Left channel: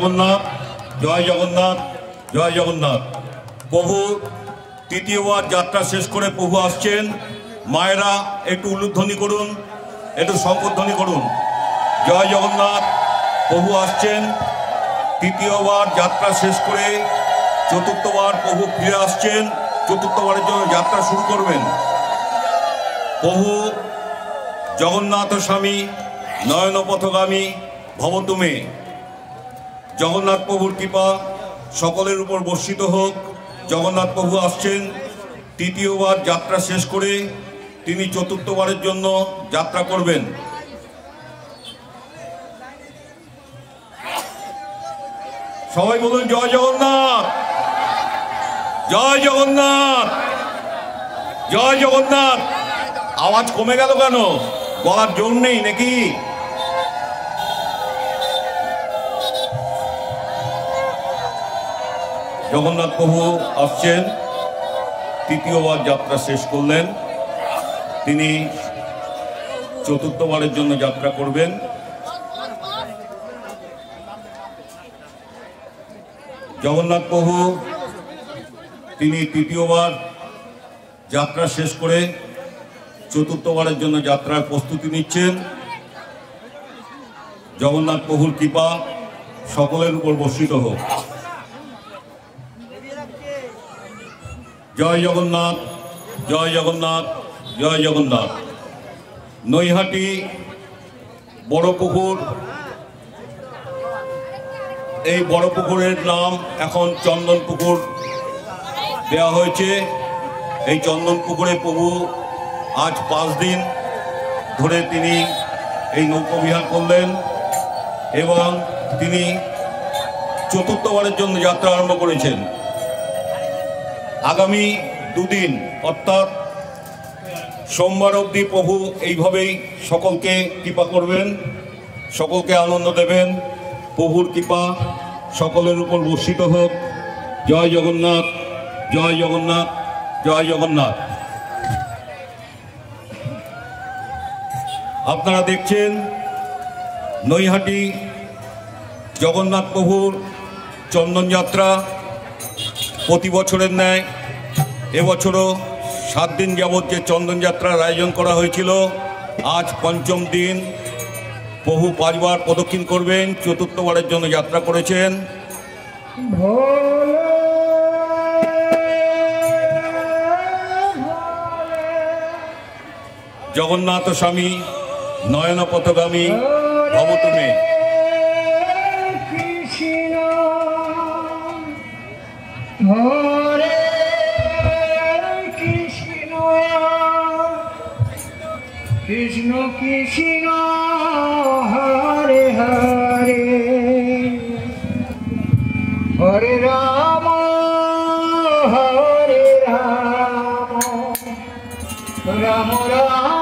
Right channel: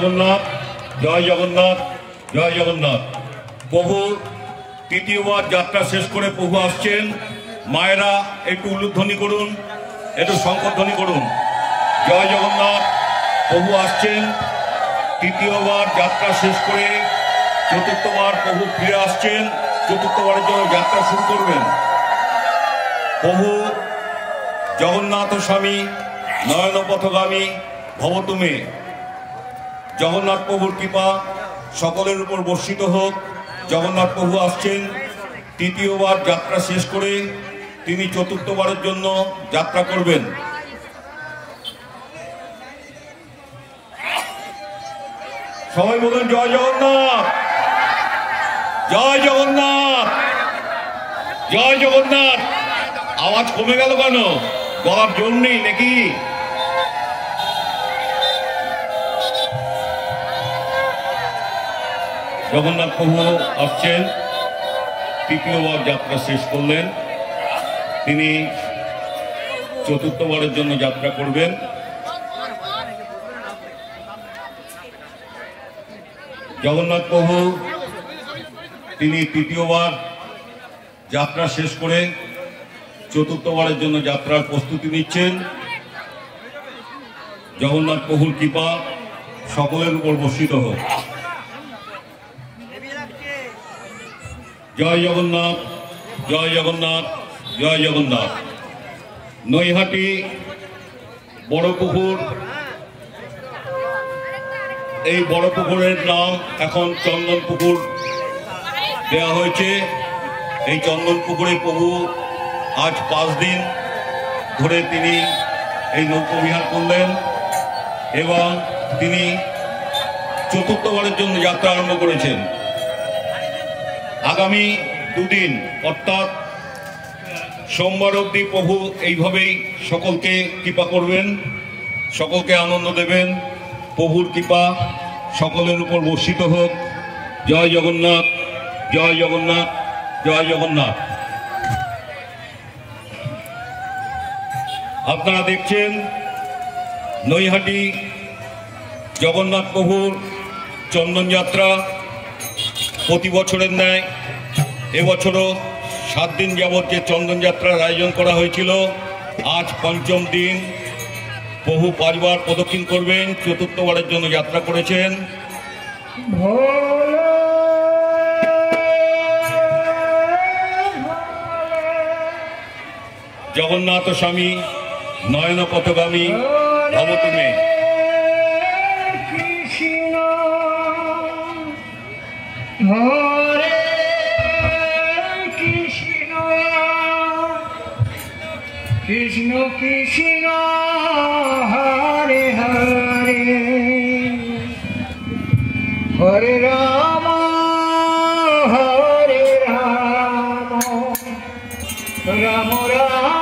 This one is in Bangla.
জগন্নাথ, জয় জগন্নাথ, জয় জগন্নাথ। প্রভু তৃতীয়বার যাত্রা শেষ করে প্রভু আসছেন। মায়েরা একটু উলুধ্বনি করুন, একটু শঙ্করধ্বনি করুন। জয় জগন্নাথ। প্রভু আসছেন, তৃতীয়বার যাত্রা শেষ করে চতুর্থবার প্রভু ফিরে আসছেন। চতুর্থবারের জন্য যাত্রা শুরু করবেন। প্রভু জগন্নাথ স্বামী নয়ন পথগামী ভবতুমে। জগন্নাথ প্রভুর কৃপা সকলের উপর বর্ষিত হোক। জগন্নাথ প্রভু আসছেন, তৃতীয়বার যাত্রা শেষ করে তিনি চতুর্থবারের জন্য যাত্রা করবেন। সবাই বলুন জয় জগন্নাথ, জয় জগন্নাথ, জয় জগন্নাথ। আওয়াজ কমে গেল কেন? গলার জোর নেই নাকি? জগন্নাথ প্রভু আসছেন, তৃতীয়বার যাত্রা শেষ করলেন, তিনি চতুর্থবারের জন্য যাত্রা করবেন। জগন্নাথ প্রভু তিনি তৃতীয়বার যাত্রা শেষ করে চতুর্থবারের জন্য যাত্রার প্রস্তুতি নিচ্ছেন। জগন্নাথ প্রভুর কৃপা সকলের উপর বর্ষিত হোক। জয় জগন্নাথ, জয় জগন্নাথ, জয় জগন্নাথ। নৈহাটি বড় পুকুর, এই বড় পুকুরের নাম এখন চন্দন পুকুর দেওয়া হয়েছে। এই চন্দন পুকুরে প্রভু আজ 5 দিন ধরে তিনি এই নৌকবিহার করলেন এবং তিনি চতুর্থবারের জন্য যাত্রা আরম্ভ করেছেন। আগামী 2 দিন অর্থাৎ সোমবার অবধি প্রভু এইভাবেই সকলকে কৃপা করবেন, সকলকে আনন্দ দেবেন। প্রভুর কৃপা সকলের উপর বর্ষিত হোক। জয় জগন্নাথ, জয় জগন্নাথ, জয় জগন্নাথ। আপনারা দেখছেন নৈহাটি জগন্নাথ প্রভুর চন্দন যাত্রা। প্রতি বছরের ন্যায় এবছরও 7 দিন যাবৎ যে চন্দন যাত্রার আয়োজন করা হয়েছিল, আজ 5ম দিন। প্রভু 5 বার প্রদক্ষিণ করবেন, চতুর্থবারের জন্য যাত্রা করেছেন। জগন্নাথ স্বামী নয়ন পথগামী ভবতুমে। কৃষ্ণ কৃষ্ণ হরে হরে, হরে রাম হরে রাম, রাম রাম